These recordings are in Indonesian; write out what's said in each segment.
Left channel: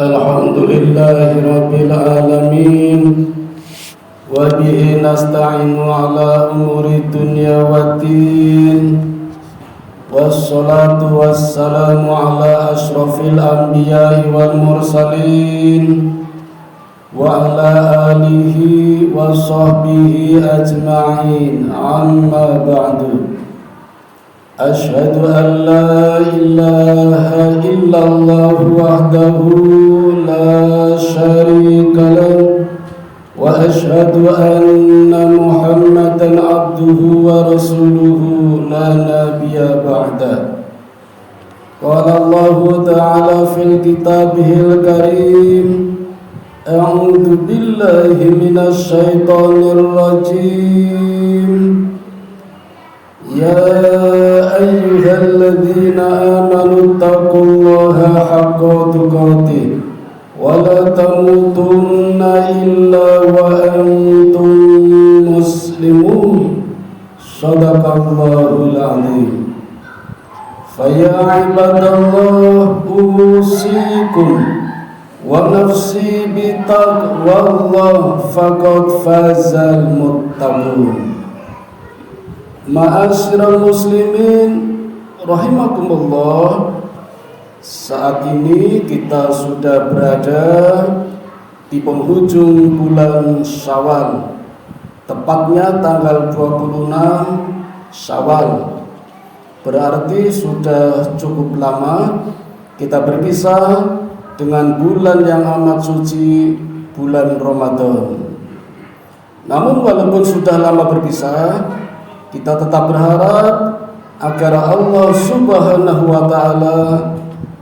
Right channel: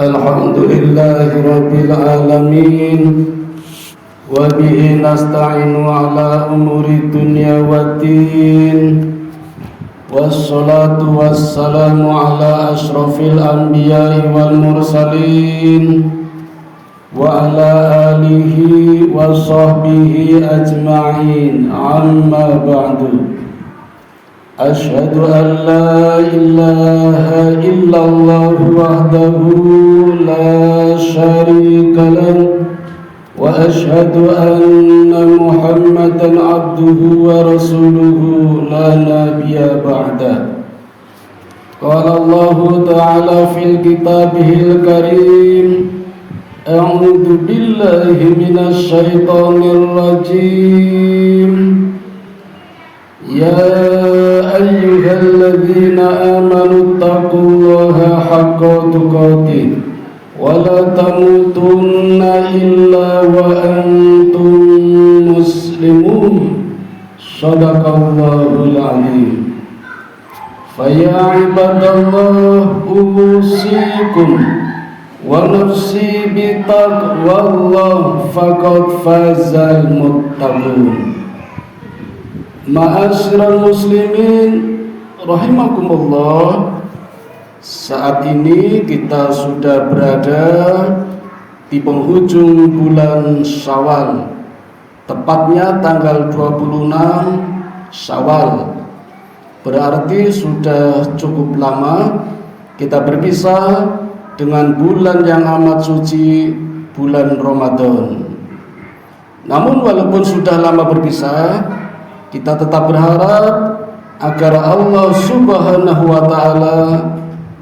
Alhamdulillahi Rabbil Alamin. Wa bihi nasta'inu ala umuri dunya waddin. Wassalatu wassalamu ala ashrafil anbiya'i wal mursalin wa ala alihi wa sahbihi ajma'in. Amma ba'du. Ashhadu an la ilaha illallah wahdahu la syarika lahu wa ashhadu anna Muhammadan abduhu wa rasuluhu la nabiyya ba'da. Qala Allah ta'ala fil kitabihil karim, a'udzu billahi minasy syaithanir rajim. Ya ayyuhalladzina amanu taqullaha haqqa tuqatih wa la tamutunna illa wa antum muslimun. Shadaqallahul azim. Fa ya ibadallah usikum wa nafsi bi taqwallah faqad fazal muttaqun. Ma'asyiral muslimin rahimakumullah. Saat ini kita sudah berada di penghujung bulan Syawal, tepatnya tanggal 26 Syawal. Berarti sudah cukup lama kita berpisah dengan bulan yang amat suci, bulan Ramadan. Namun walaupun sudah lama berpisah, kita tetap berharap agar Allah Subhanahu wa ta'ala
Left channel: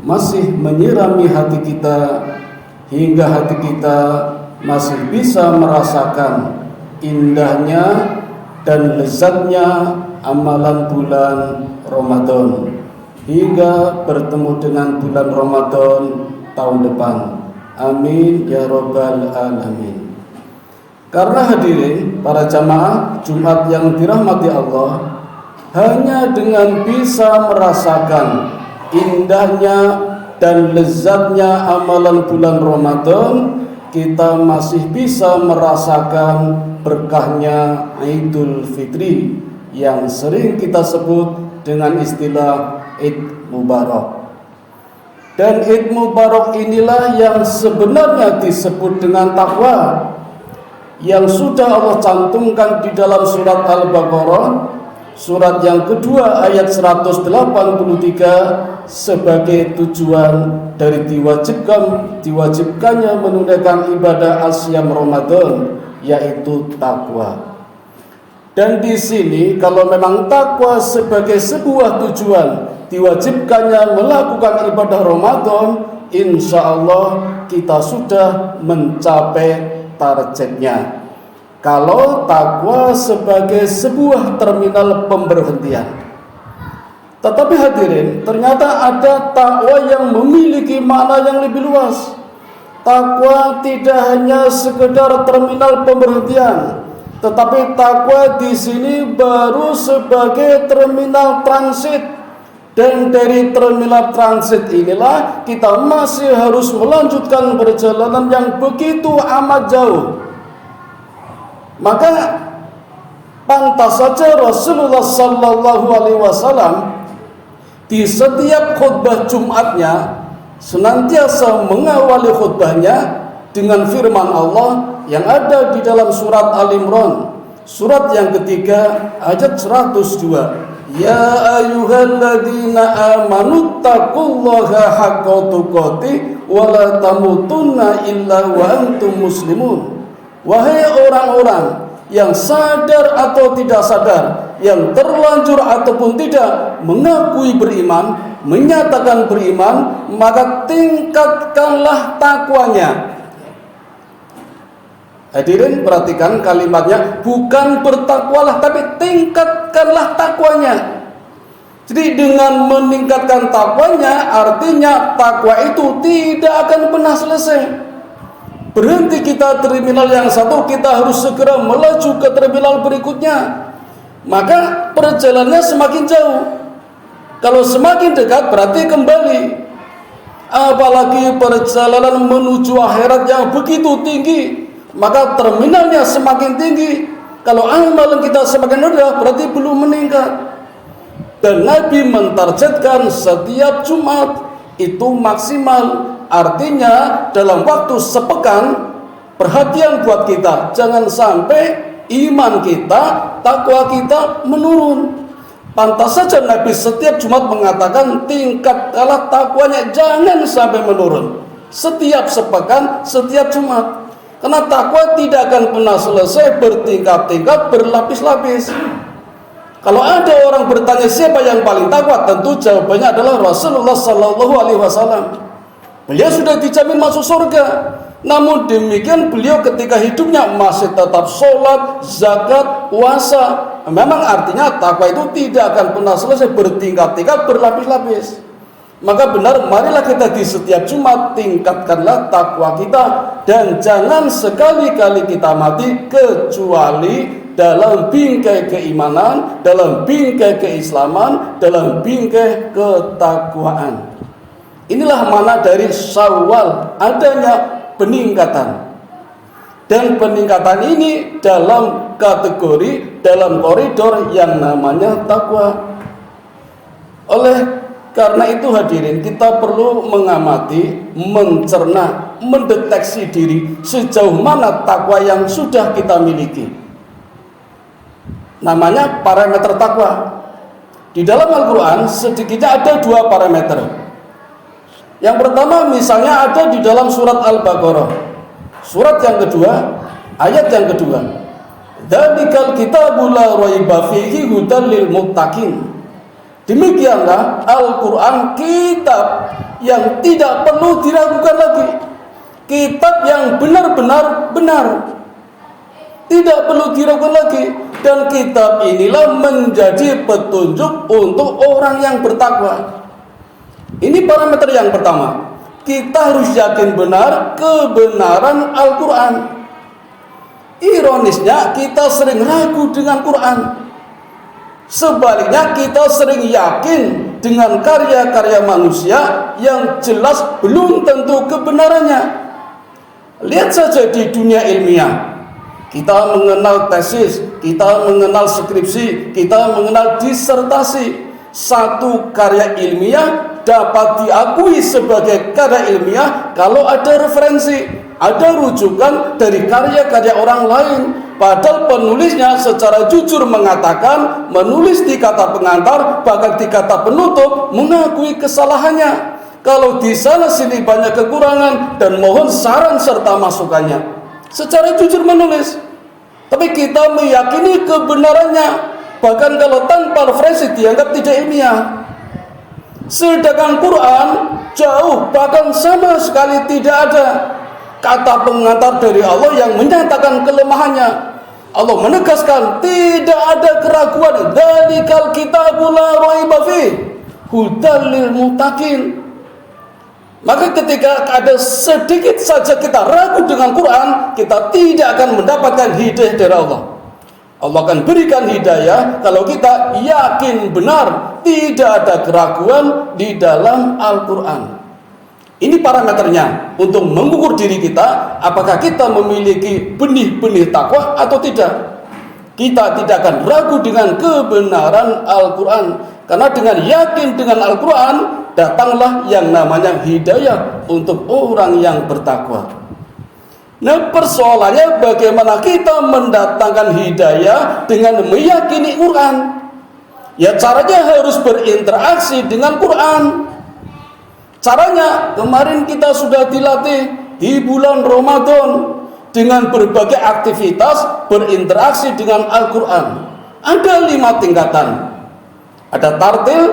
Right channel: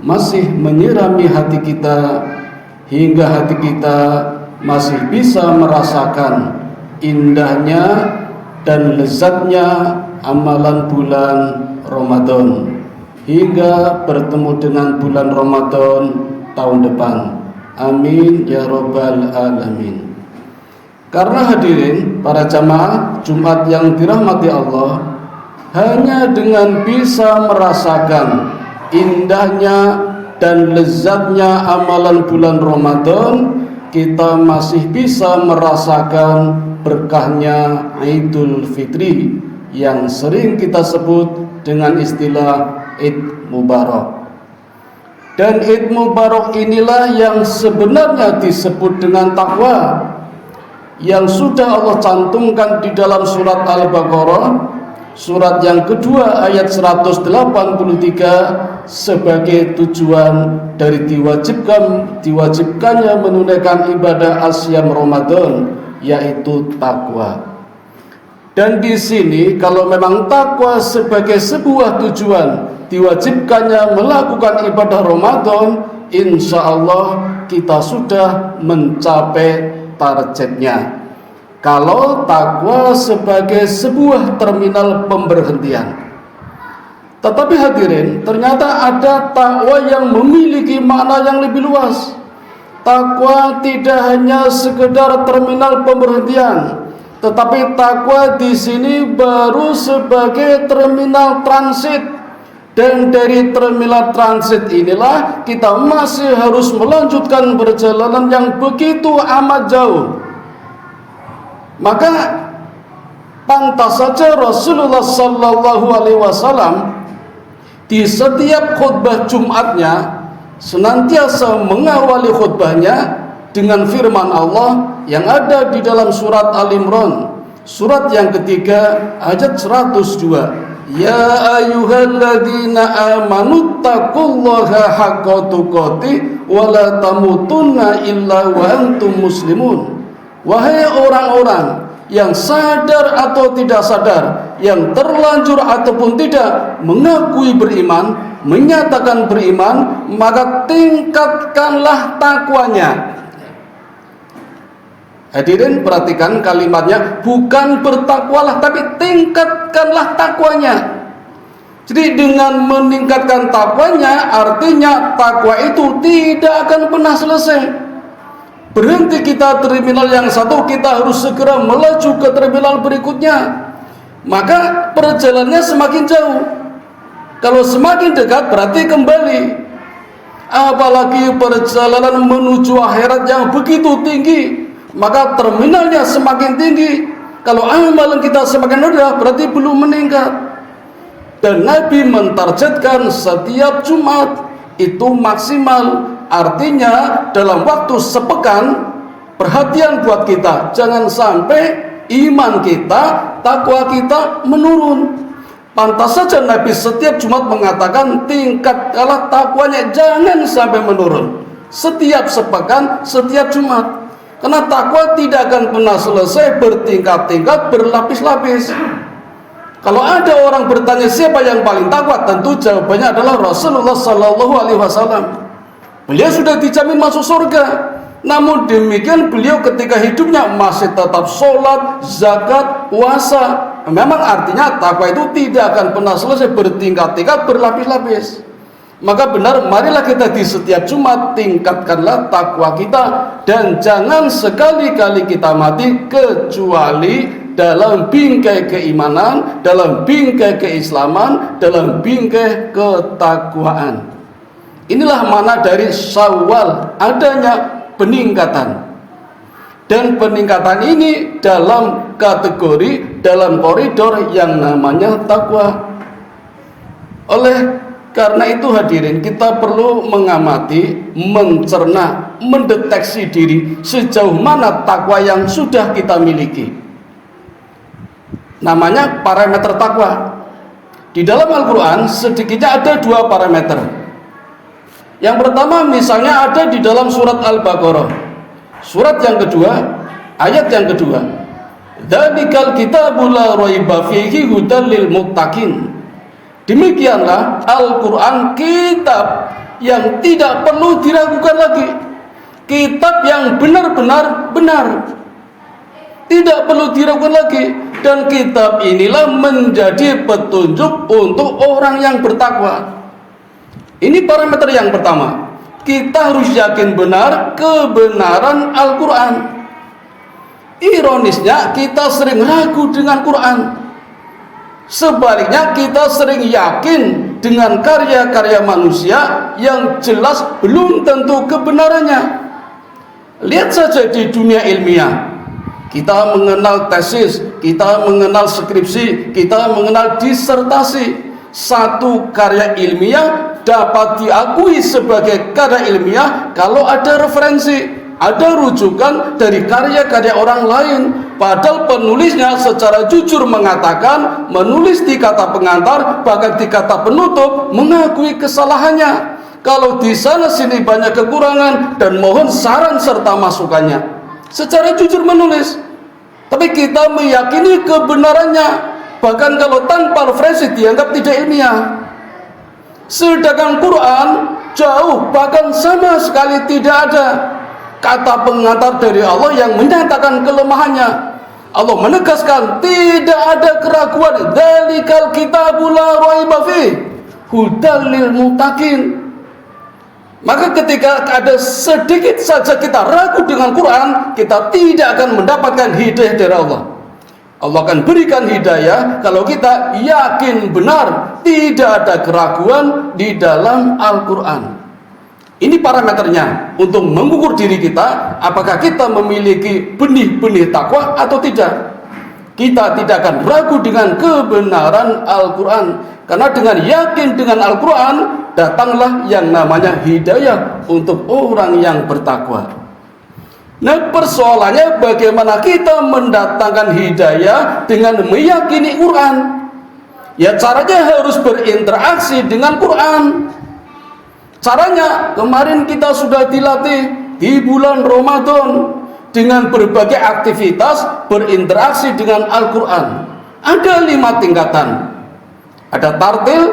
masih menyirami hati kita hingga hati kita masih bisa merasakan indahnya dan lezatnya amalan bulan Ramadan hingga bertemu dengan bulan Ramadan tahun depan. Amin ya rabbal alamin. Karena hadirin para jamaah Jumat yang dirahmati Allah, hanya dengan bisa merasakan indahnya dan lezatnya amalan bulan Ramadan, kita masih bisa merasakan berkahnya Idul Fitri yang sering kita sebut dengan istilah Id Mubarak. Dan Id Mubarak inilah yang sebenarnya disebut dengan takwa, yang sudah Allah cantumkan di dalam surat Al-Baqarah, surat yang kedua ayat 183, sebagai tujuan dari diwajibkannya menunaikan ibadah asyam Ramadan, yaitu takwa. Dan di sini kalau memang takwa sebagai sebuah tujuan diwajibkannya melakukan ibadah Ramadan, insya Allah kita sudah mencapai targetnya. Kalau takwa sebagai sebuah terminal pemberhentian. Tetapi hadirin, ternyata ada takwa yang memiliki makna yang lebih luas. Takwa tidak hanya sekedar terminal pemberhentian, tetapi takwa di sini baru sebagai terminal transit. Dan dari terminal transit inilah kita masih harus melanjutkan perjalanan yang begitu amat jauh. Maka pantas saja Rasulullah sallallahu alaihi wasallam di setiap khutbah Jumatnya senantiasa mengawali khutbahnya dengan firman Allah yang ada di dalam surat Al-Imran, surat yang ketiga ayat 102. Ya ayyuhalladzina amanu taqullaha haqqa tuqatih wa la tamutunna illa wa antum muslimun. Wahai orang-orang yang sadar atau tidak sadar, yang terlanjur ataupun tidak mengakui beriman, menyatakan beriman, maka tingkatkanlah takwanya. Hadirin perhatikan kalimatnya, bukan bertakwalah tapi tingkatkanlah takwanya. Jadi dengan meningkatkan takwanya, artinya takwa itu tidak akan pernah selesai. Berhenti kita terminal yang satu, kita harus segera melaju ke terminal berikutnya. Maka perjalanannya semakin jauh. Kalau semakin dekat berarti kembali. Apalagi perjalanan menuju akhirat yang begitu tinggi, maka terminalnya semakin tinggi. Kalau amalan kita semakin rendah, berarti belum meningkat. Dan Nabi mentargetkan setiap Jumat itu maksimal. Artinya dalam waktu sepekan, perhatian buat kita, jangan sampai iman kita, takwa kita menurun. Pantas saja Nabi setiap Jumat mengatakan tingkat kalah takwanya jangan sampai menurun. Setiap sepekan, setiap Jumat. Karena takwa tidak akan pernah selesai, bertingkat-tingkat, berlapis-lapis. Kalau ada orang bertanya siapa yang paling takwa, tentu jawabannya adalah Rasulullah Sallallahu Alaihi Wasallam. Beliau sudah dijamin masuk surga. Namun demikian beliau ketika hidupnya masih tetap sholat, zakat, puasa. Memang artinya takwa itu tidak akan pernah selesai, bertingkat-tingkat, berlapis-lapis. Maka benar, marilah kita di setiap Jumat tingkatkanlah takwa kita, dan jangan sekali-kali kita mati kecuali dalam bingkai keimanan, dalam bingkai keislaman, dalam bingkai ketakwaan. Inilah makna dari Syawal, adanya peningkatan. Dan peningkatan ini dalam kategori, dalam koridor yang namanya takwa. Oleh karena itu hadirin, kita perlu mengamati, mencerna, mendeteksi diri sejauh mana takwa yang sudah kita miliki. Namanya parameter takwa. Di dalam Al-Quran sedikitnya ada 2 parameter. Yang pertama misalnya ada di dalam surat Al-Baqarah, surat yang kedua, ayat yang kedua. Dzalikal kitabul la raiba fihi hudal lil muttaqin. Demikianlah Al-Quran, kitab yang tidak perlu diragukan lagi, kitab yang benar-benar benar, tidak perlu diragukan lagi. Dan kitab inilah menjadi petunjuk untuk orang yang bertakwa. Ini parameter yang pertama. Kita harus yakin benar kebenaran Al-Quran. Ironisnya kita sering ragu dengan Quran. Sebaliknya kita sering yakin dengan karya-karya manusia yang jelas belum tentu kebenarannya. Lihat saja di dunia ilmiah. Kita mengenal tesis, kita mengenal skripsi, kita mengenal disertasi. Satu karya ilmiah dapat diakui sebagai karya ilmiah kalau ada referensi, ada rujukan dari karya-karya orang lain. Padahal penulisnya secara jujur mengatakan, menulis di kata pengantar, bahkan di kata penutup, mengakui kesalahannya. Kalau di sana sini banyak kekurangan dan mohon saran serta masukannya. Secara jujur menulis. Tapi kita meyakini kebenarannya. Bahkan kalau tanpa referensi dianggap tidak ilmiah. Sedangkan Quran jauh, bahkan sama sekali tidak ada kata pengantar dari Allah yang menyatakan kelemahannya. Allah menegaskan tidak ada keraguan. Dzalikal kitabul la raiba fihi hudal lil muttaqin. Maka ketika ada sedikit saja kita ragu dengan Quran, kita tidak akan mendapatkan hidayah dari Allah. Allah akan berikan hidayah kalau kita yakin benar tidak ada keraguan di dalam Al-Quran. Ini parameternya untuk mengukur diri kita, apakah kita memiliki benih-benih takwa atau tidak. Kita tidak akan ragu dengan kebenaran Al-Quran, karena dengan yakin dengan Al-Quran datanglah yang namanya hidayah untuk orang yang bertakwa. Nah, persoalannya bagaimana kita mendatangkan hidayah dengan meyakini Quran. Ya caranya harus berinteraksi dengan Quran. Caranya kemarin kita sudah dilatih di bulan Ramadan dengan berbagai aktivitas berinteraksi dengan Al-Quran. Ada 5 tingkatan. Ada tartil,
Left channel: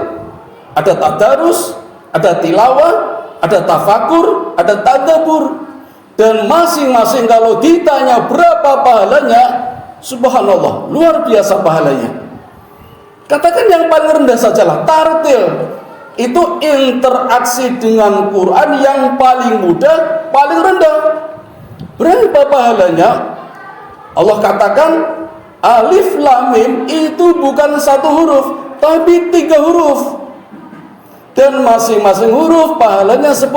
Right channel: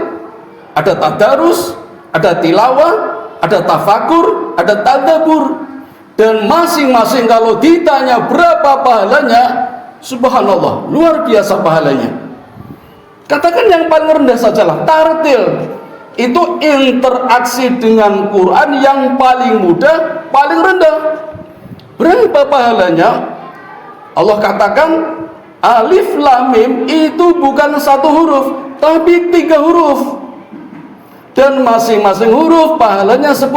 ada tadarus, ada tilawah, ada tafakur, ada tadabbur. Dan masing-masing kalau ditanya berapa pahalanya, subhanallah, luar biasa pahalanya. Katakan yang paling rendah sajalah, tartil. Itu interaksi dengan Quran yang paling mudah, paling rendah. Berapa pahalanya? Allah katakan alif lam mim itu bukan 1 huruf, tapi 3 huruf. dan masing-masing huruf pahalanya 10.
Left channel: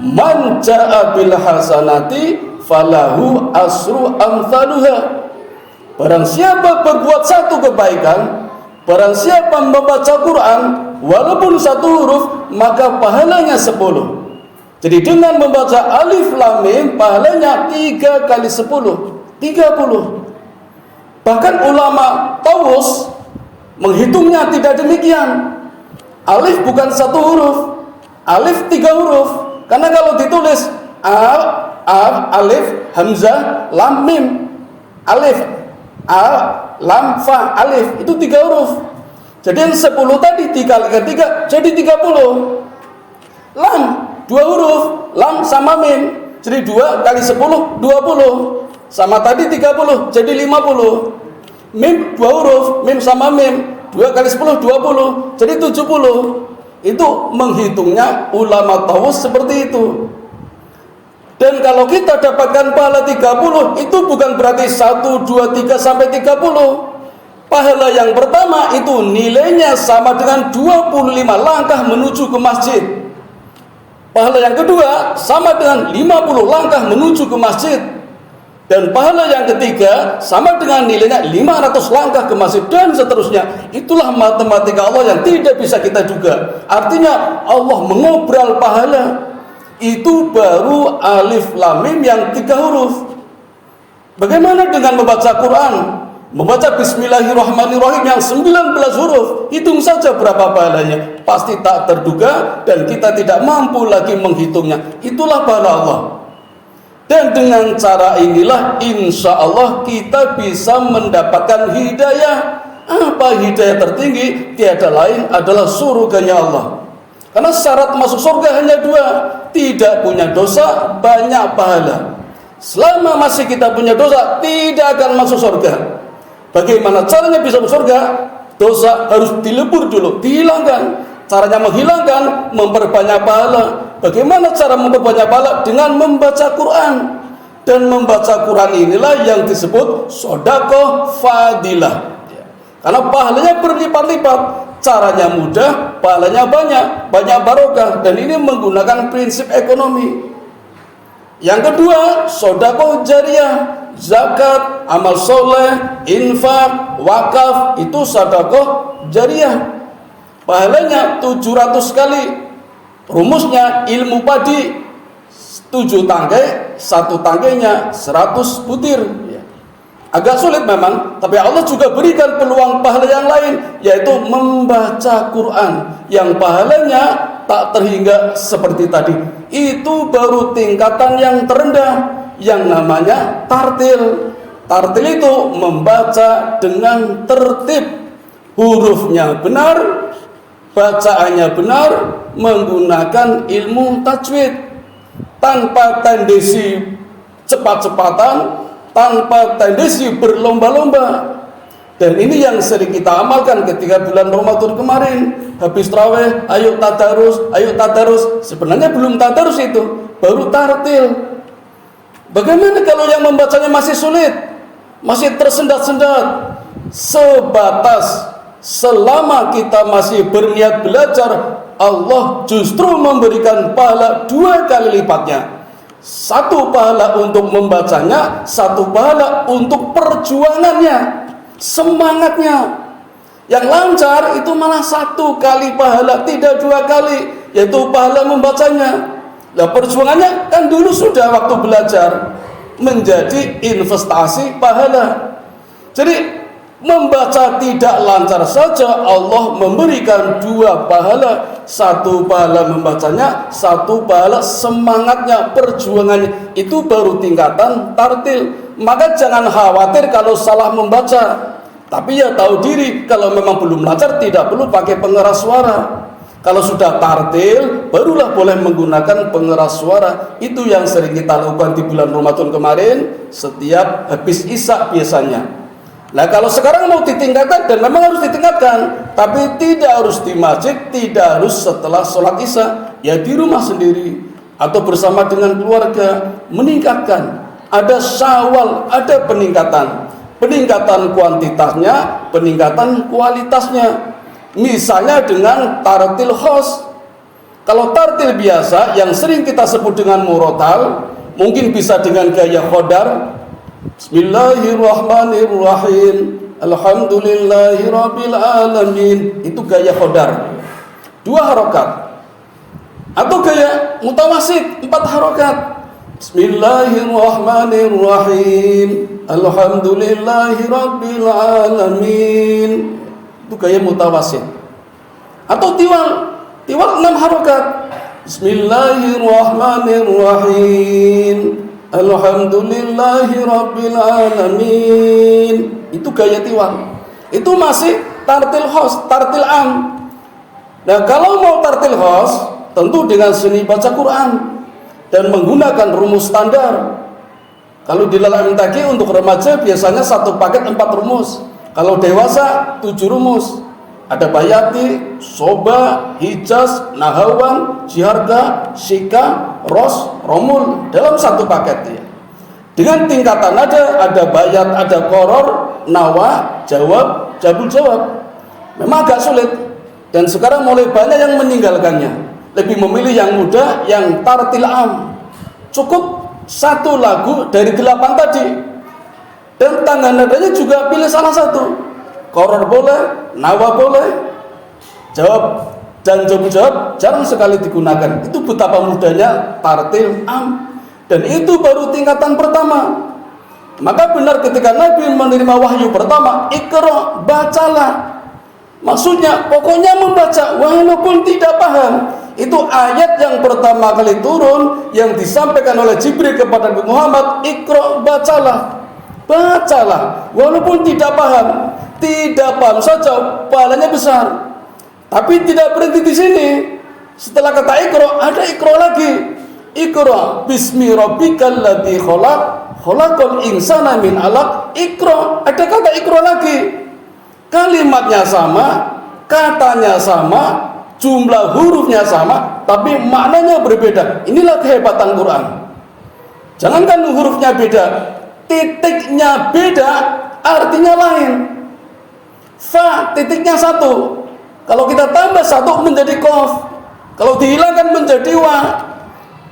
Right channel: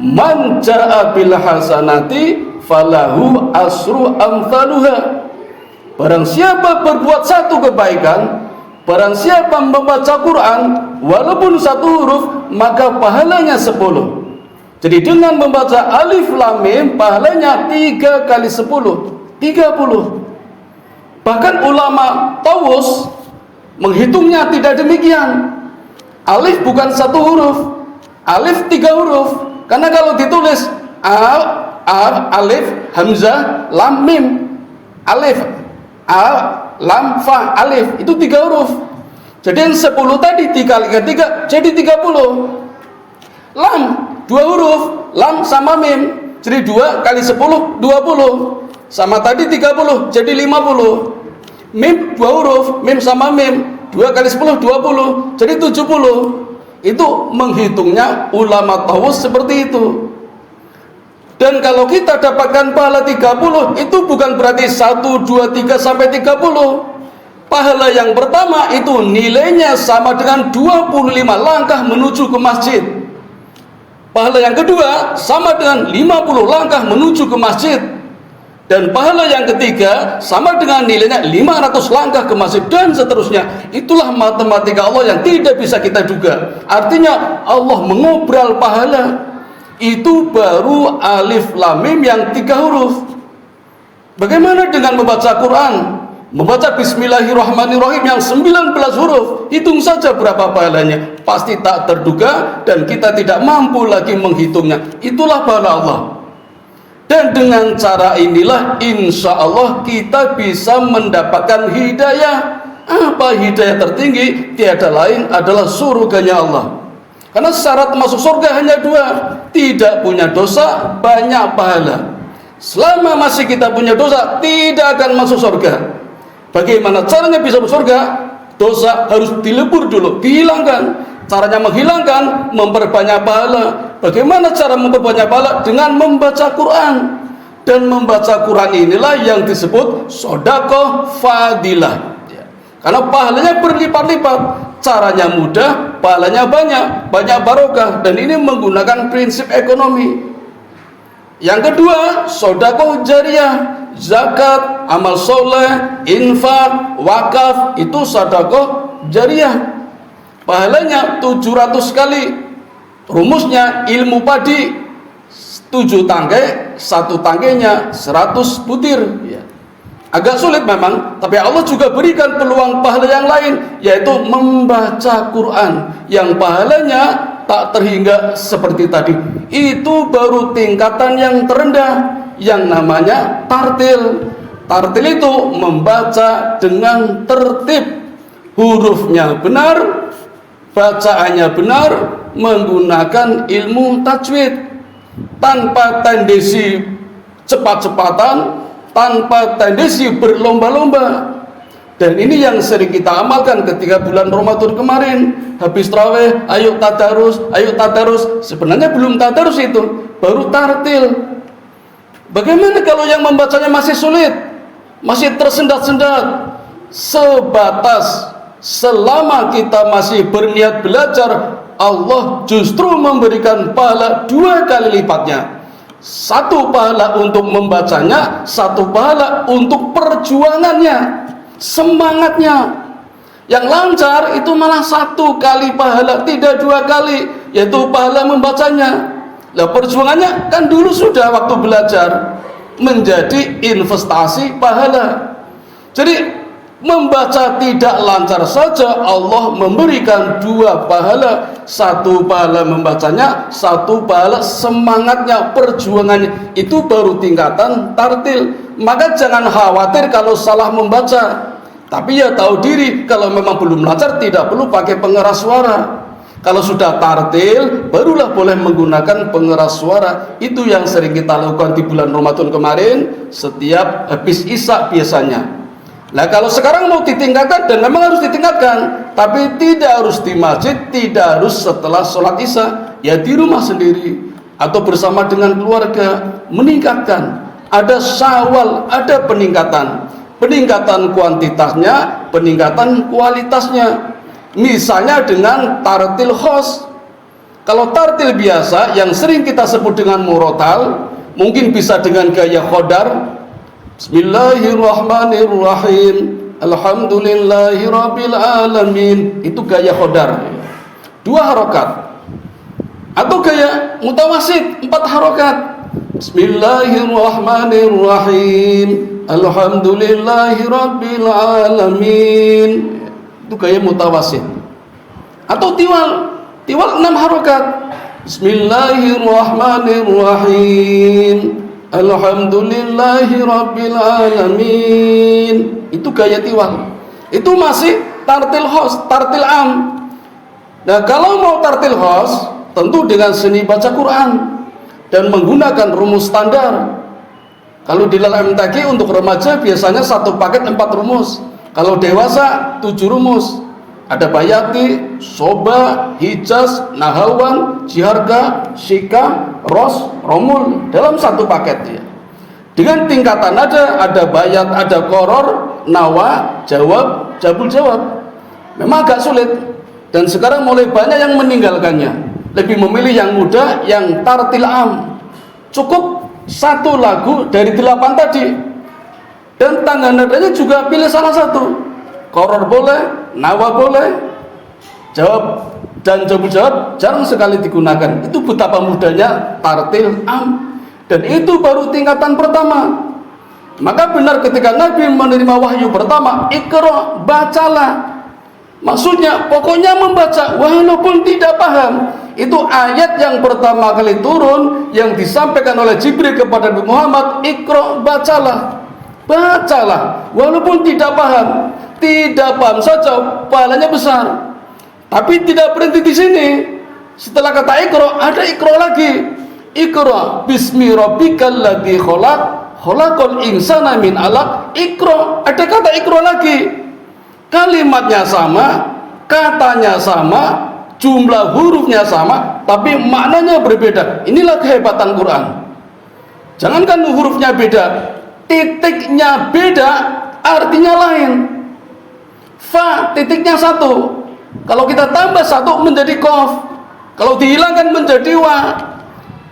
Man ja'a bil hasanati falahu asru amthaluha. Barang siapa berbuat satu kebaikan, barang siapa membaca Quran walaupun satu huruf, maka pahalanya 10. Jadi dengan membaca alif lam mim pahalanya 3 kali 10, 30. Bahkan ulama Taus menghitungnya tidak demikian. Alif bukan satu huruf, alif 3 huruf. Karena kalau ditulis alif hamzah lam mim, alif lam fa alif, itu 3 huruf. Jadi yang 10 tadi dikalikan 3 jadi 30. Lam 2 huruf, lam sama mim, jadi 2 kali 10 20. Sama tadi 30 jadi 50. Mim 2 huruf, mim sama mim, 2 kali 10 20 jadi 70. Itu menghitungnya ulama Taus seperti itu. Dan kalau kita dapatkan pahala 30, itu bukan berarti 1, 2, 3 sampai 30. Pahala yang pertama itu nilainya sama dengan 25 langkah menuju ke masjid. Pahala yang kedua sama dengan 50 langkah menuju ke masjid. Dan pahala yang ketiga sama dengan nilainya 500 langkah ke masjid, dan seterusnya. Itulah matematika Allah yang tidak bisa kita duga. Artinya Allah mengobral pahala. Itu baru alif lam mim yang 3 huruf. Bagaimana dengan membaca Quran? Membaca Bismillahirrahmanirrahim yang 19 huruf, hitung saja berapa pahalanya. Pasti tak terduga dan kita tidak mampu lagi menghitungnya. Itulah pahala Allah. Dan dengan cara inilah insya Allah kita bisa mendapatkan hidayah. Apa hidayah tertinggi? Tiada lain adalah surganya Allah. Karena syarat masuk surga hanya 2. Tidak punya dosa, banyak pahala. Selama masih kita punya dosa, tidak akan masuk surga. Bagaimana caranya bisa masuk surga? Dosa harus dilebur dulu, dihilangkan. Caranya menghilangkan, memperbanyak pahala. Bagaimana cara memperbanyak pahala? Dengan membaca Quran. Dan membaca Quran inilah yang disebut sedekah fadilah. Karena pahalanya berlipat-lipat. Caranya mudah, pahalanya banyak, banyak barokah. Dan ini menggunakan prinsip ekonomi. Yang kedua, sedekah jariyah, zakat, amal soleh, infak, wakaf, itu sedekah jariyah. Pahalanya 700 kali. Rumusnya ilmu padi 7 tangkai, 1 tangkainya 100 butir. Agak sulit memang, tapi Allah juga berikan peluang pahala yang lain, yaitu membaca Quran, yang pahalanya tak terhingga seperti tadi. Itu baru tingkatan yang terendah, yang namanya tartil. Tartil itu membaca dengan tertib, hurufnya benar, bacaannya benar, menggunakan ilmu tajwid, tanpa tendensi cepat-cepatan, tanpa tendensi berlomba-lomba. Dan ini yang sering kita amalkan ketika bulan Ramadan kemarin. Habis tarawih, ayo tadarus, ayo tadarus. Sebenarnya belum tadarus itu, baru tartil. Bagaimana kalau yang membacanya masih sulit, masih tersendat-sendat? Sebatas selama kita masih berniat belajar, Allah justru memberikan pahala 2 kali lipatnya. 1 pahala untuk membacanya, 1 pahala untuk perjuangannya, semangatnya. Yang lancar itu malah 1 kali pahala, tidak 2 kali, yaitu pahala membacanya. Lah perjuangannya kan dulu sudah waktu belajar, menjadi investasi pahala. Jadi membaca tidak lancar saja, Allah memberikan 2 pahala. 1 pahala membacanya, 1 pahala semangatnya, perjuangannya. Itu baru tingkatan tartil. Maka jangan khawatir kalau salah membaca. Tapi ya tahu diri, kalau memang belum lancar tidak perlu pakai pengeras suara. Kalau sudah tartil, barulah boleh menggunakan pengeras suara. Itu yang sering kita lakukan di bulan Ramadan kemarin, setiap habis Isya biasanya. Nah kalau sekarang mau ditingkatkan, dan memang harus ditingkatkan, tapi tidak harus di masjid, tidak harus setelah sholat Isya, ya di rumah sendiri atau bersama dengan keluarga, meningkatkan. Ada Syawal, ada peningkatan kuantitasnya, peningkatan kualitasnya. Misalnya dengan tartil khos. Kalau tartil biasa yang sering kita sebut dengan murotal, mungkin bisa dengan gaya khodar. Bismillahirrahmanirrahim, alhamdulillahirabbil alamin. Itu gaya khodar, 2 harokat. Atau gaya mutawasid, 4 harokat. Bismillahirrahmanirrahim, alhamdulillahirabbil alamin. Itu gaya mutawasid. Atau tiwal 6 harokat. Bismillahirrahmanirrahim, alhamdulillahirabbil alamin. Itu gaya tiwal. Itu masih tartil khos, tartil am. Nah, kalau mau tartil khos, tentu dengan seni baca Quran dan menggunakan rumus standar. Kalau di dalam MTQ untuk remaja biasanya 1 paket 4 rumus. Kalau dewasa 7 rumus. Ada bayati, soba, hijaz, nahawan, jiharga, syika, ros, romul dalam 1 paket ya. Dengan tingkatan ada bayat, ada koror, nawa, jawab, jabul jawab. Memang agak sulit dan sekarang mulai banyak yang meninggalkannya. Lebih memilih yang mudah, yang tartil am. Cukup 1 lagu dari 8 tadi. Dan tangga nadanya juga pilih salah 1. Koror boleh, nawa boleh, jawab dan jawab jarang sekali digunakan. Itu betapa mudahnya tartil am. Dan itu baru tingkatan pertama. Maka benar ketika Nabi menerima wahyu pertama, Iqra, bacalah. Maksudnya pokoknya membaca walaupun tidak paham. Itu ayat yang pertama kali turun yang disampaikan oleh Jibril kepada Nabi Muhammad, Iqra, bacalah. Bacalah walaupun tidak paham. Tidak paham saja pahalanya besar. Tapi tidak berhenti di sini. Setelah kata Iqra, ada Iqra lagi. Iqra bismi rabbikal ladzi khalaq, khalaqal insana min 'alaq. Iqra, ada kata Iqra lagi. Kalimatnya sama, katanya sama, jumlah hurufnya sama, tapi maknanya berbeda. Inilah kehebatan Quran. Jangankan hurufnya beda, titiknya beda, artinya lain. Fa titiknya 1. Kalau kita tambah 1 menjadi qaf. Kalau dihilangkan menjadi wa.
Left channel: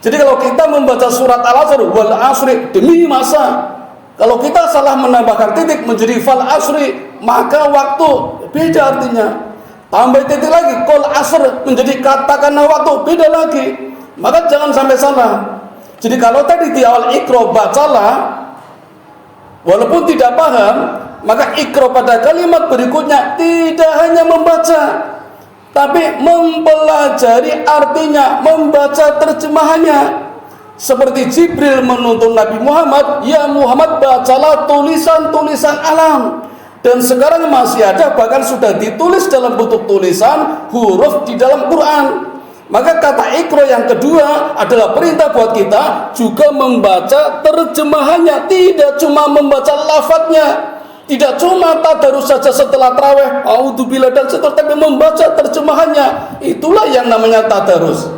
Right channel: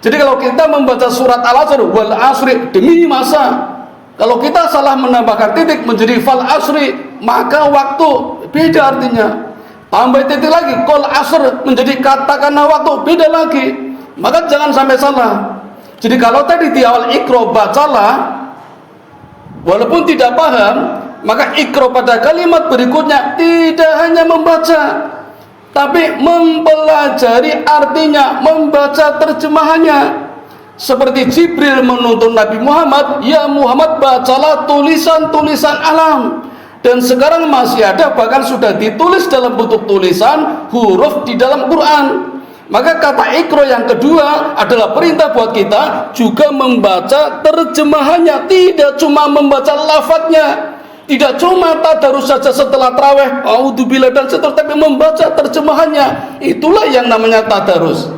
Jadi kalau kita membaca surat Al-Asr, wal asri, demi masa. Kalau kita salah menambahkan titik menjadi fal asri, maka waktu, beda artinya. Tambah titik lagi, qol asr menjadi katakanlah waktu, beda lagi. Maka jangan sampai salah. Jadi kalau tadi di awal Iqra, bacalah, walaupun tidak paham, maka Iqra pada kalimat berikutnya tidak hanya membaca, tapi mempelajari artinya, membaca terjemahannya. Seperti Jibril menuntun Nabi Muhammad, ya Muhammad bacalah tulisan-tulisan alam. Dan sekarang masih ada, bahkan sudah ditulis dalam bentuk tulisan huruf di dalam Quran. Maka kata Iqra yang kedua adalah perintah buat kita juga membaca terjemahannya, tidak cuma membaca lafadznya. Tidak cuma tadarus saja setelah tarawih, a'udzubillah dan seterusnya, tapi membaca terjemahannya. Itulah yang namanya tadarus.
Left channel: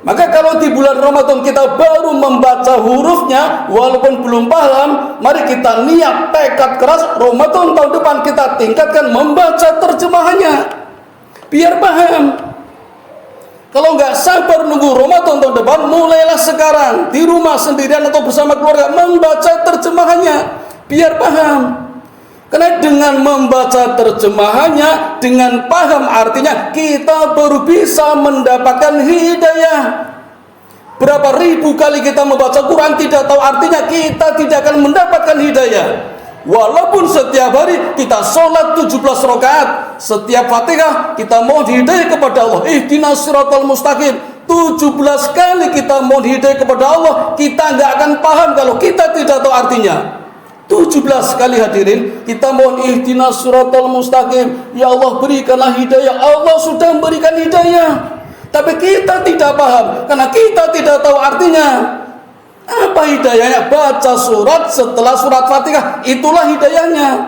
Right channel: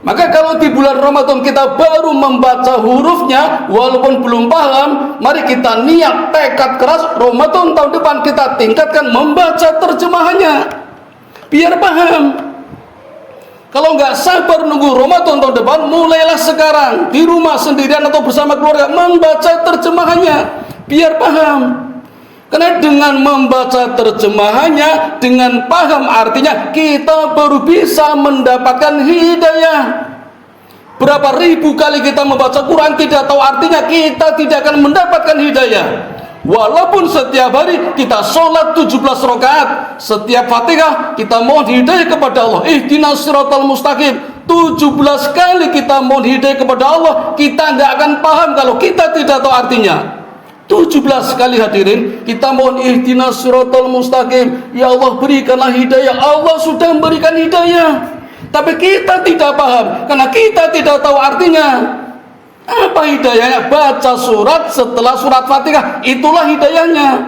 Maka kalau di bulan Ramadan kita baru membaca hurufnya, walaupun belum paham, mari kita niat tekad keras Ramadan tahun depan kita tingkatkan membaca terjemahannya, biar paham. Kalau nggak sabar nunggu Ramadan tahun depan, mulailah sekarang di rumah sendirian atau bersama keluarga membaca terjemahannya, biar paham. Karena dengan membaca terjemahannya, dengan paham artinya, kita baru bisa mendapatkan hidayah. Berapa ribu kali kita membaca Quran tidak tahu artinya, kita tidak akan mendapatkan hidayah. Walaupun setiap hari kita sholat 17 rakaat, setiap Fatihah kita mohon hidayah kepada Allah, ihdinas siratal mustaqim. 17 kali kita mohon hidayah kepada Allah, kita nggak akan paham kalau kita tidak tahu artinya. 17 kali hadirin kita mohon ihdinas siratal mustaqim, ya Allah berikanlah hidayah. Allah sudah memberikan hidayah, tapi kita tidak paham karena kita tidak tahu artinya. Apa hidayahnya? Baca surat setelah surat Fatihah, itulah hidayahnya.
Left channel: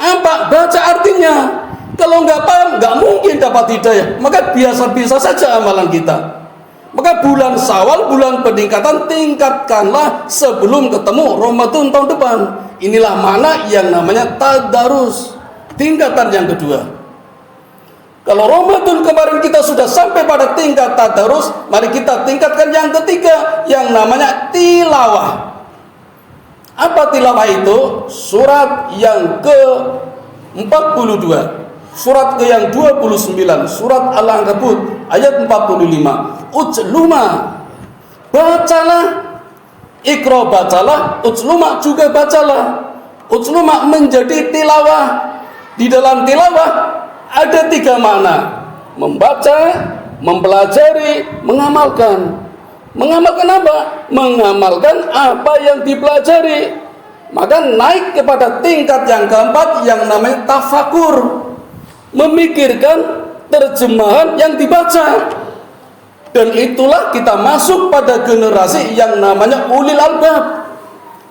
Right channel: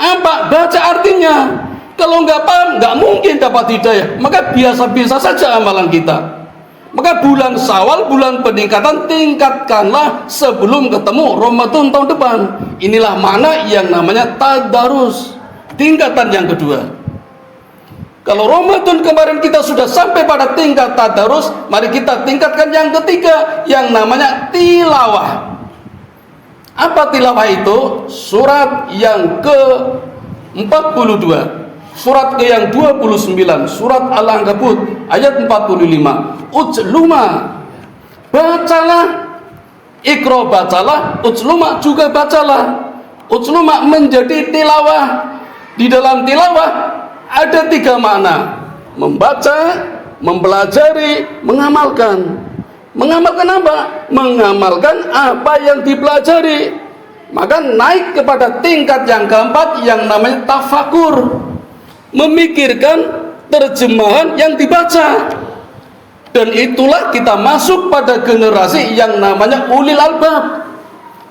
Apa? Baca artinya. Kalau nggak paham, nggak mungkin dapat hidayah. Maka biasa-biasa saja amalan kita. Maka bulan Syawal, bulan peningkatan, tingkatkanlah sebelum ketemu Ramadan tahun depan. Inilah mana yang namanya tadarus, tingkatan yang kedua. Kalau Ramadan kemarin kita sudah sampai pada tingkat tadarus, mari kita tingkatkan yang ketiga, yang namanya tilawah. Apa tilawah itu? Surat yang ke-42, surat ke yang 29, surat Al-Ankabut ayat 45. Ujluma, bacalah. Iqra, bacalah. Ujluma, juga bacalah. Ujluma menjadi tilawah. Di dalam tilawah ada 3 makna: membaca, mempelajari, mengamalkan. Mengamalkan apa? Mengamalkan apa yang dipelajari. Maka naik kepada tingkat yang keempat yang namanya tafakur, memikirkan terjemahan yang dibaca. Dan itulah kita masuk pada generasi yang namanya ulil albab.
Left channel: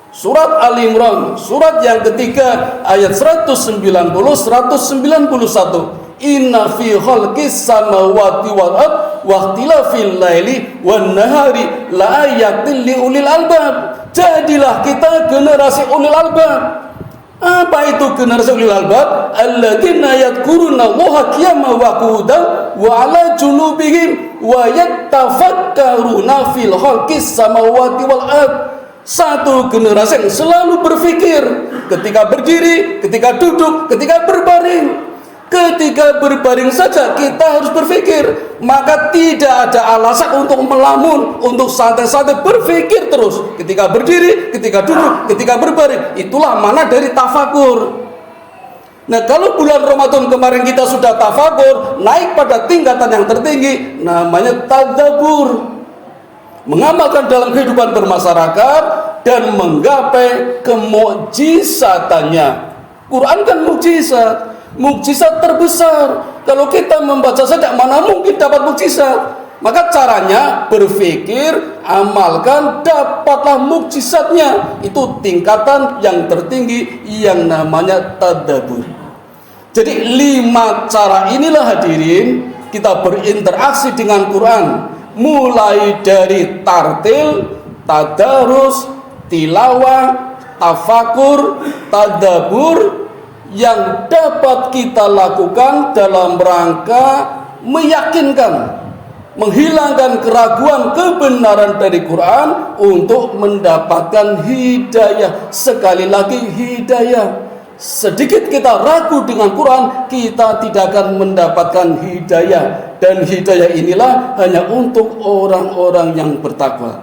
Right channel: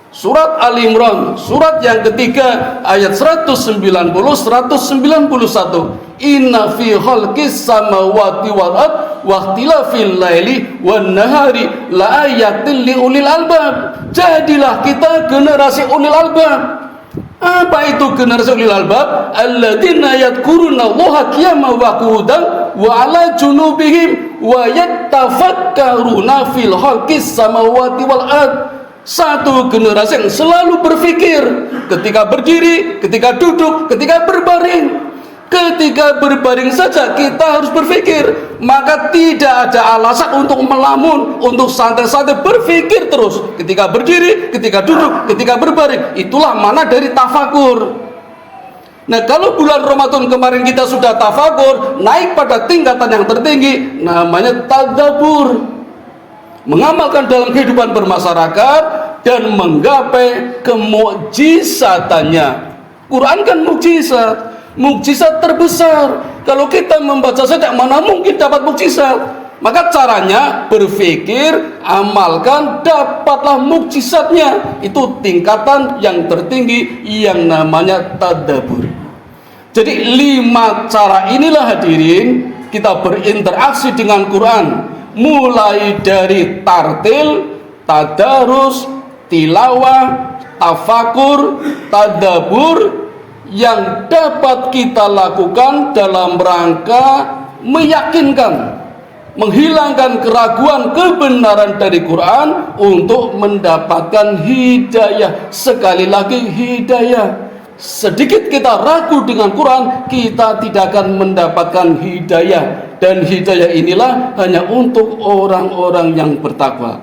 Surat Ali Imran, surat yang ketiga ayat 190 191. Inna fi khalqis samawati wal ard wa ikhtilafil laili wan nahari la ayatin li ulil albab. Jadilah kita generasi ulil albab. Apa itu generasi ulil albab? Alladzina yadhkuruna Allaha qiyaman wa qu'udan wa 'ala junubihim wa yattafakkaruna fil khalqis samawati wal ard. Satu generasi yang selalu berpikir ketika berdiri, ketika duduk, ketika berbaring. Ketika berbaring saja kita harus berpikir. Maka tidak ada alasan untuk melamun, untuk santai-santai, berpikir terus. Ketika berdiri, ketika duduk, ketika berbaring. Itulah makna dari tafakur. Nah, kalau bulan Ramadan kemarin kita sudah tafakur, naik pada tingkatan yang tertinggi, namanya tadabbur. Mengamalkan dalam kehidupan bermasyarakat dan menggapai kemukjizatannya. Quran kan mukjizat, mukjizat terbesar. Kalau kita membaca saja, mana mungkin dapat mukjizat? Maka caranya berpikir, amalkan, dapatlah mukjizatnya. Itu tingkatan yang tertinggi yang namanya tadabbur. Jadi 5 cara inilah hadirin kita berinteraksi dengan Quran. Mulai dari tartil, tadarus, tilawah, tafakur, tadabbur yang dapat kita lakukan dalam rangka meyakinkan, menghilangkan keraguan kebenaran dari Quran untuk mendapatkan hidayah. Sekali lagi hidayah. Sedikit kita ragu dengan Quran, kita tidak akan mendapatkan hidayah. Dan hidayah inilah hanya untuk orang-orang yang bertakwa.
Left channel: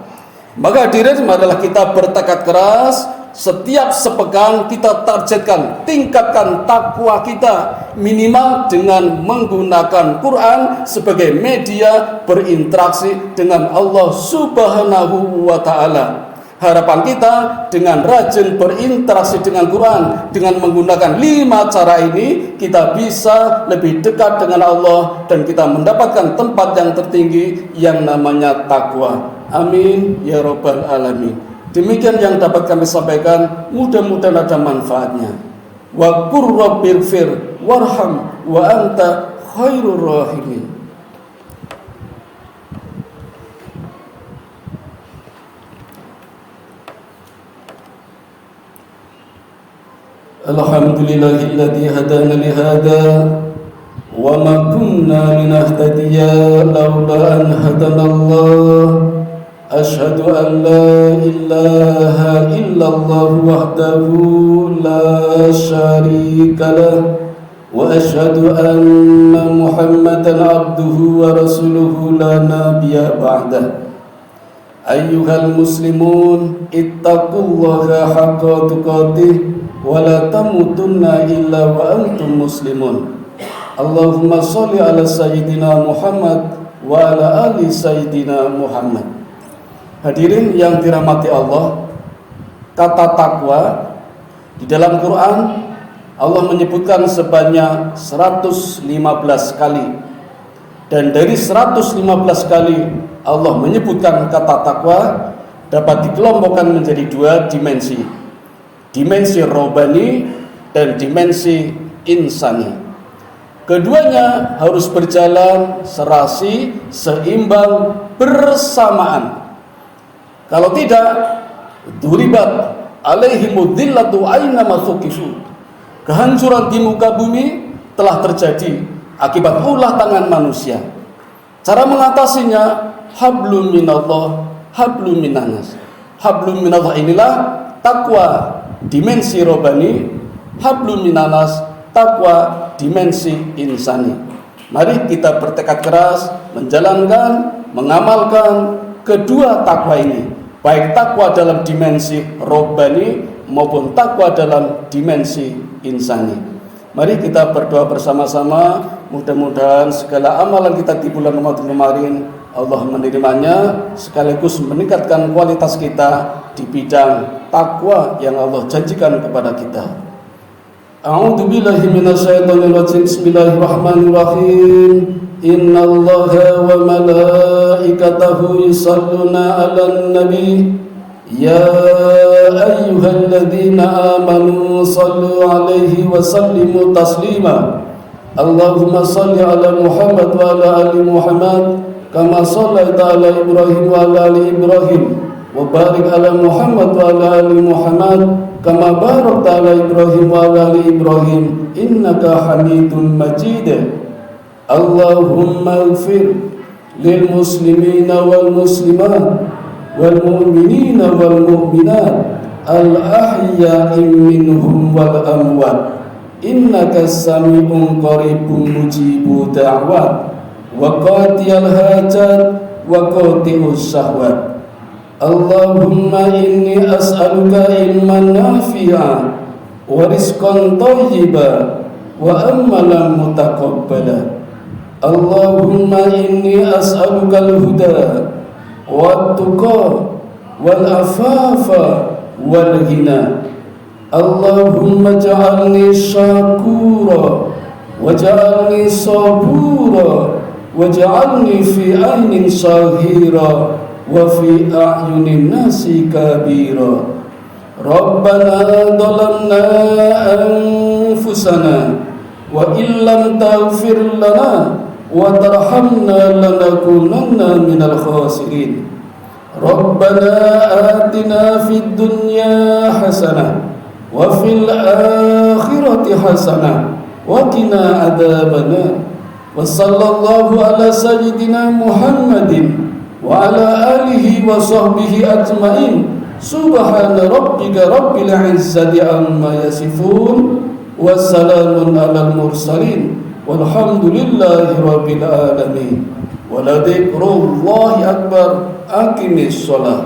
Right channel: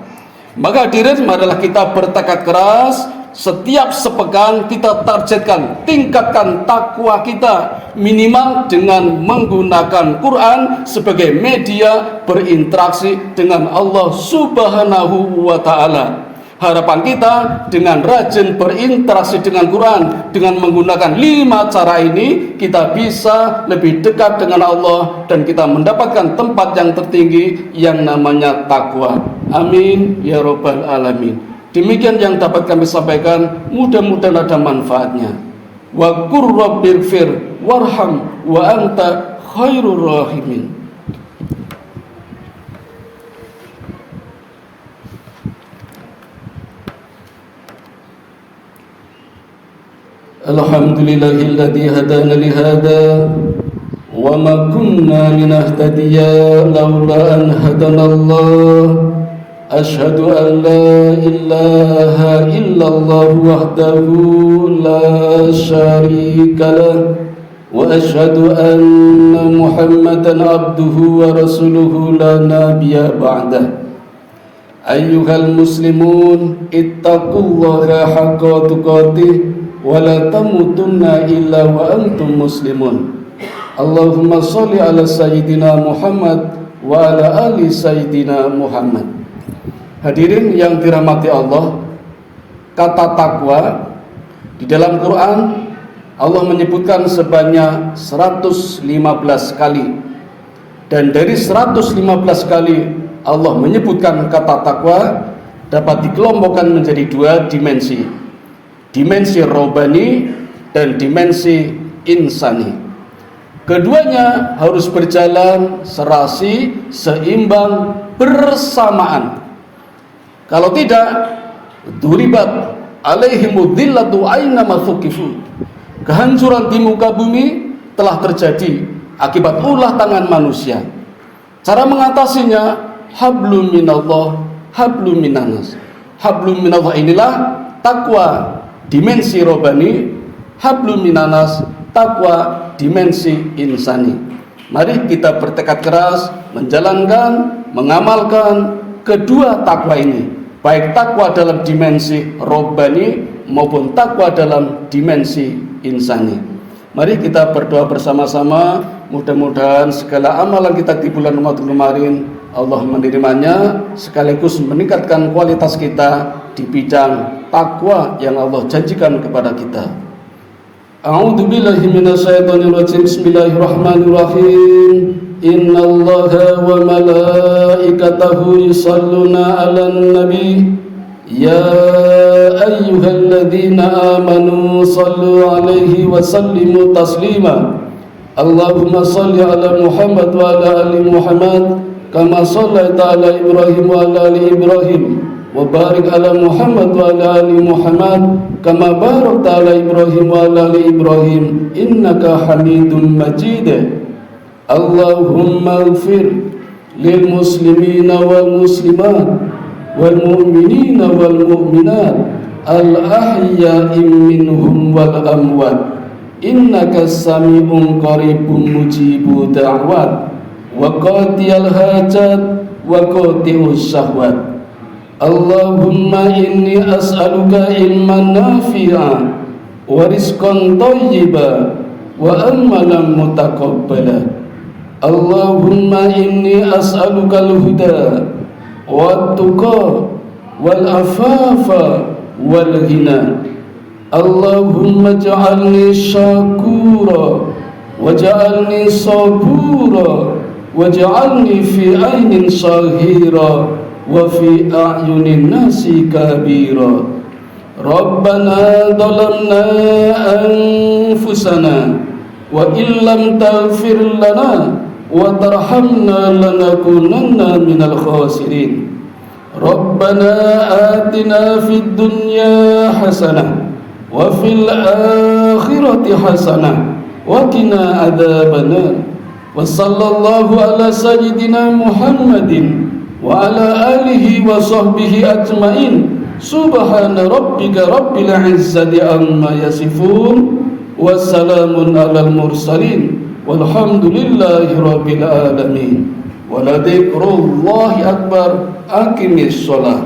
Maka hadirin, marilah kita bertekad keras. Setiap sepekan kita targetkan, tingkatkan takwa kita minimal dengan menggunakan Quran sebagai media berinteraksi dengan Allah Subhanahu wa ta'ala. Harapan kita dengan rajin berinteraksi dengan Quran, dengan menggunakan 5 cara ini, kita bisa lebih dekat dengan Allah dan kita mendapatkan tempat yang tertinggi yang namanya takwa. Amin ya rabbal alamin. Demikian yang dapat kami sampaikan, mudah-mudahan ada manfaatnya. Wa qur rabbighfir warham wa anta khairur rahimin. Alhamdulillahilladzi hadana li hada wa ma kunna linahtadiya laula an hadanallah. Asyhadu an la ilaha illallah wahdahu la syarika lah wa asyhadu anna Muhammadan abduhu wa rasuluhu la nabiyya ba'dah. Ayyuhal muslimun ittaqullaha haqqa tuqatih wa la tamutunna illa wa antum muslimun. Allahumma sholli ala sayyidina Muhammad wa ala ali sayyidina Muhammad. Hadirin yang dirahmati Allah, kata takwa di dalam Quran Allah menyebutkan sebanyak 115 kali. Dan dari 115 kali Allah menyebutkan kata takwa dapat dikelompokkan menjadi 2 dimensi. Dimensi robani dan dimensi insani. Keduanya harus berjalan serasi, seimbang, bersamaan. Kalau tidak, duribat alaihimud dhillatu aina ma thuqifu. Kehancuran di muka bumi telah terjadi akibat ulah tangan manusia. Cara mengatasinya, hablum minallah, hablum minanas. Hablum minallah inilah takwa dimensi robani, hablum minanas takwa dimensi insani. Mari kita bertekad keras menjalankan, mengamalkan kedua takwa ini, baik takwa dalam dimensi robani maupun takwa dalam dimensi insani. Mari kita berdoa bersama-sama, mudah-mudahan segala amalan kita di bulan Ramadan kemarin Allah menerimanya, sekaligus meningkatkan kualitas kita di bidang takwa yang Allah janjikan kepada kita. A'udzu billahi minasyaitonir rajim. Bismillahirrahmanirrahim. Innallaha wa malaikatahu yusholluna 'alan nabi. Ya ayyuhalladzina amanu shallu 'alaihi wa sallimu taslima. Allahumma shalli 'ala Muhammad wa 'ala ali Muhammad kama shallaita 'ala Ibrahim wa 'ala ali Ibrahim wa barik 'ala Muhammad wa 'ala ali Muhammad kama barakta 'ala Ibrahim wa 'ala ali Ibrahim innaka Hamidum Majid. Allahumma ighfir lil muslimina wal muslimat wal mu'minina wal mu'minat al ahya'i minhum wal amwat innaka sami'un qaribun mujibu da'wat wa qadiyal hajat wa qadiyus syahwat. Allahumma inni as'aluka ilman nafi'a wa rizqan thayyiba wa amalan mutaqabbala. Allahumma inni as'aluka al-huda wa tuqa wal afafa wal ghina. Allahumma ja'alni syakura waj'alni sabura waj'alni fi ainin sahira wa fi a'yunin nasi kabira. Rabbana dhalamna anfusana wa illam taghfir lana wa tarhamna lanakunanna minal khasirin. Rabbana atina fid dunya hasanah wa fil akhirati hasanah wa qina adzabannar. Wa sallallahu ala sayyidina Muhammadin wa ala alihi wa sahbihi ajmain. Subhana rabbika rabbil izzati amma yasifun wa salamun alal mursalin walhamdulillahi rabbil alamin. Wa la dzikrullahi akbar. Aqimis shalah.